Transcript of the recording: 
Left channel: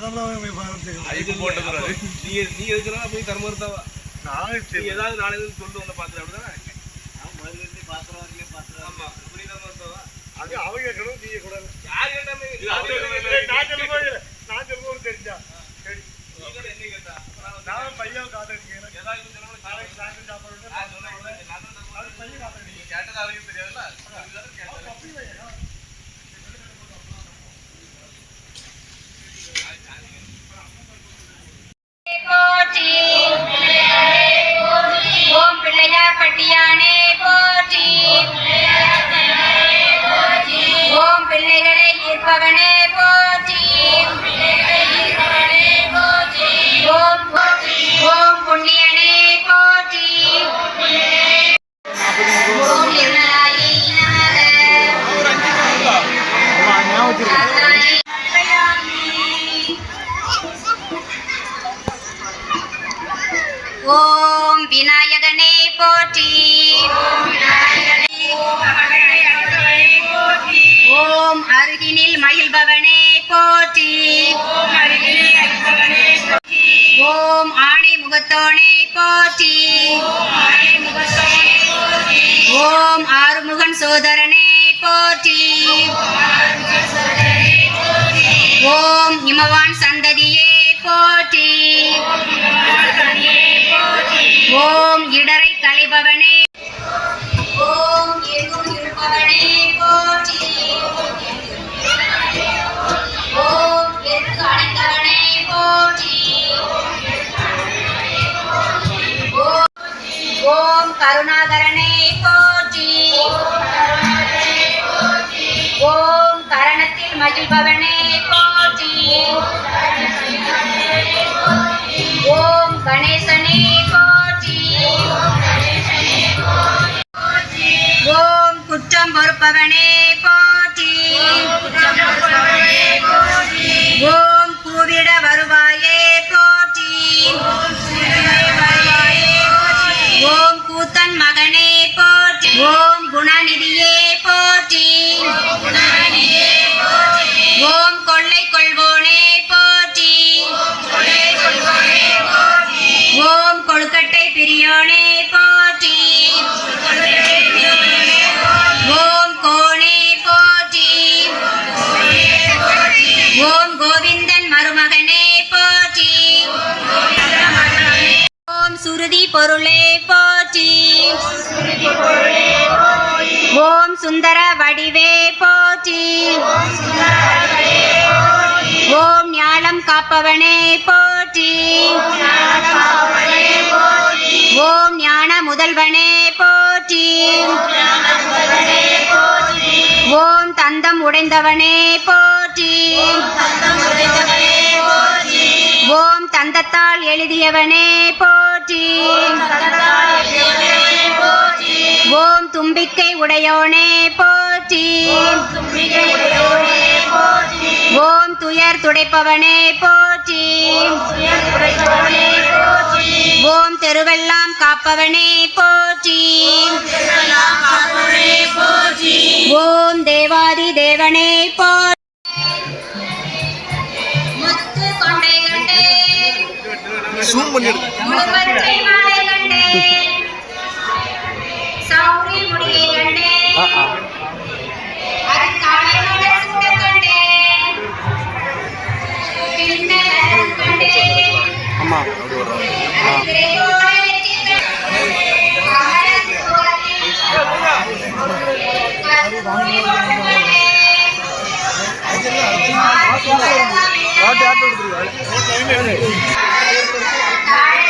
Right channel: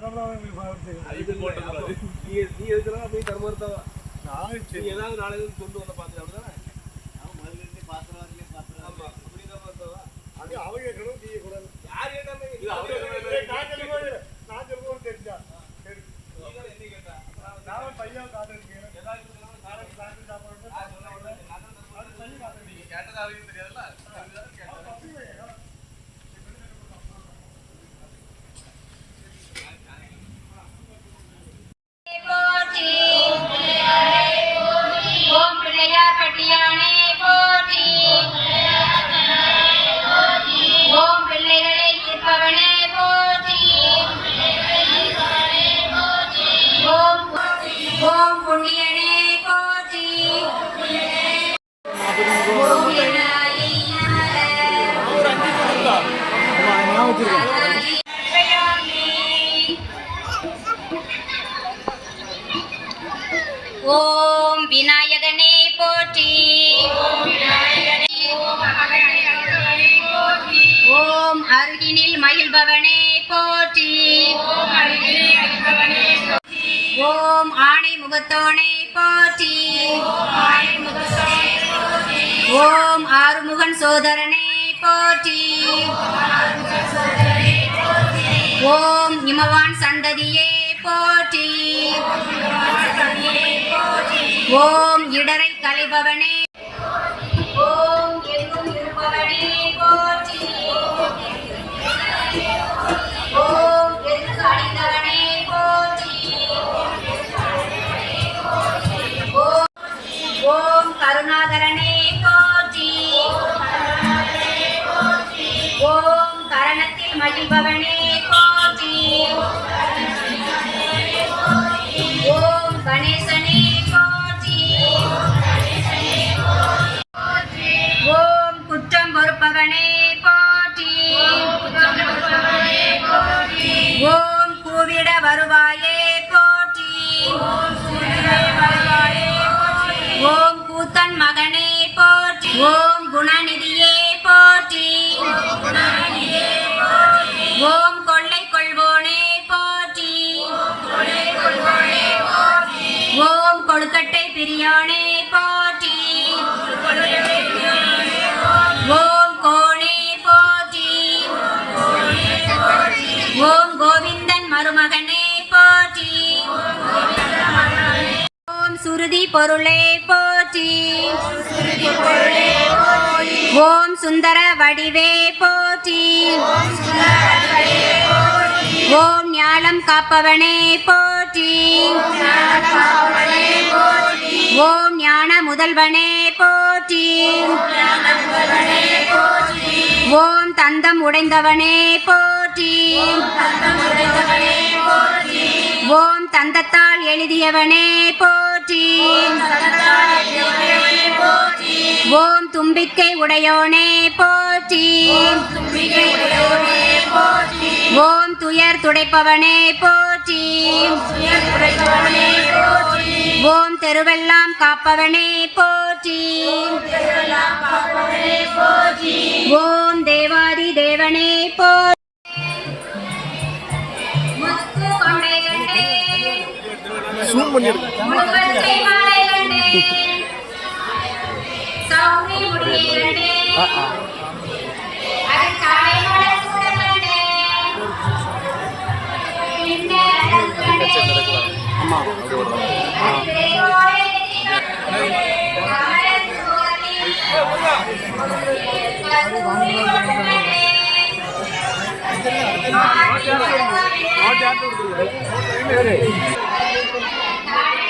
ID போட்டுக்கிறாரு. நீங்க நீங்க இருக்கிறதா போய் தர்மர்த்தாவா நான் நீ ஏதாவது இருந்து சொல்லு உன்னை பார்த்து அப்படிதானே? ஆமா அப்படி தர்மர்த்தாவா அது அவங்க கேட்கணும் நீங்க கூட யார் கேட்டாமே அருகினில் போற்றி. ஓம் ஆணை முகத்தோனே போற்றி. ஓம் ஆறுமுகன் சோதரனே போற்றி. ஓம் இமவான் சந்ததியே போற்றி. ஓம் இடரை கழிபவனே கரணத்தில் மகிழ்பவனே போற்றி. ஓம் கணேசனே போற்றி. ஓம் குற்றம் பொறுப்பவனே போற்றி. ஓம் கூவிட வருவாயே போற்றி. ஓம் கூத்தன் மகனே போற்றி. ஓம் குணநிதியே சுருதி பொருளே போற்றி. ஓம் சுந்தர வடிவே போற்றி. ஓம் ஞானம் காப்பவனே போற்றி. ஓம் ஞான முதல்வனே போற்றி. ஓம் தந்தம் உடைந்தவனே போற்றி. ஓம் தந்தத்தால் எழுதியவனே போற்றி. ஓம் தும்பிக்கை உடையோனே போற்றி. ஓம் துயர் துடைப்பவனே போற்றி. ஓம் தெருவெல்லாம் காப்பவனே போற்றி. ஓம் தேவாதி தேவனே போற்றி. பின்னர் கண்டேன் ஆமா. அப்படி வரும் அது Yeah.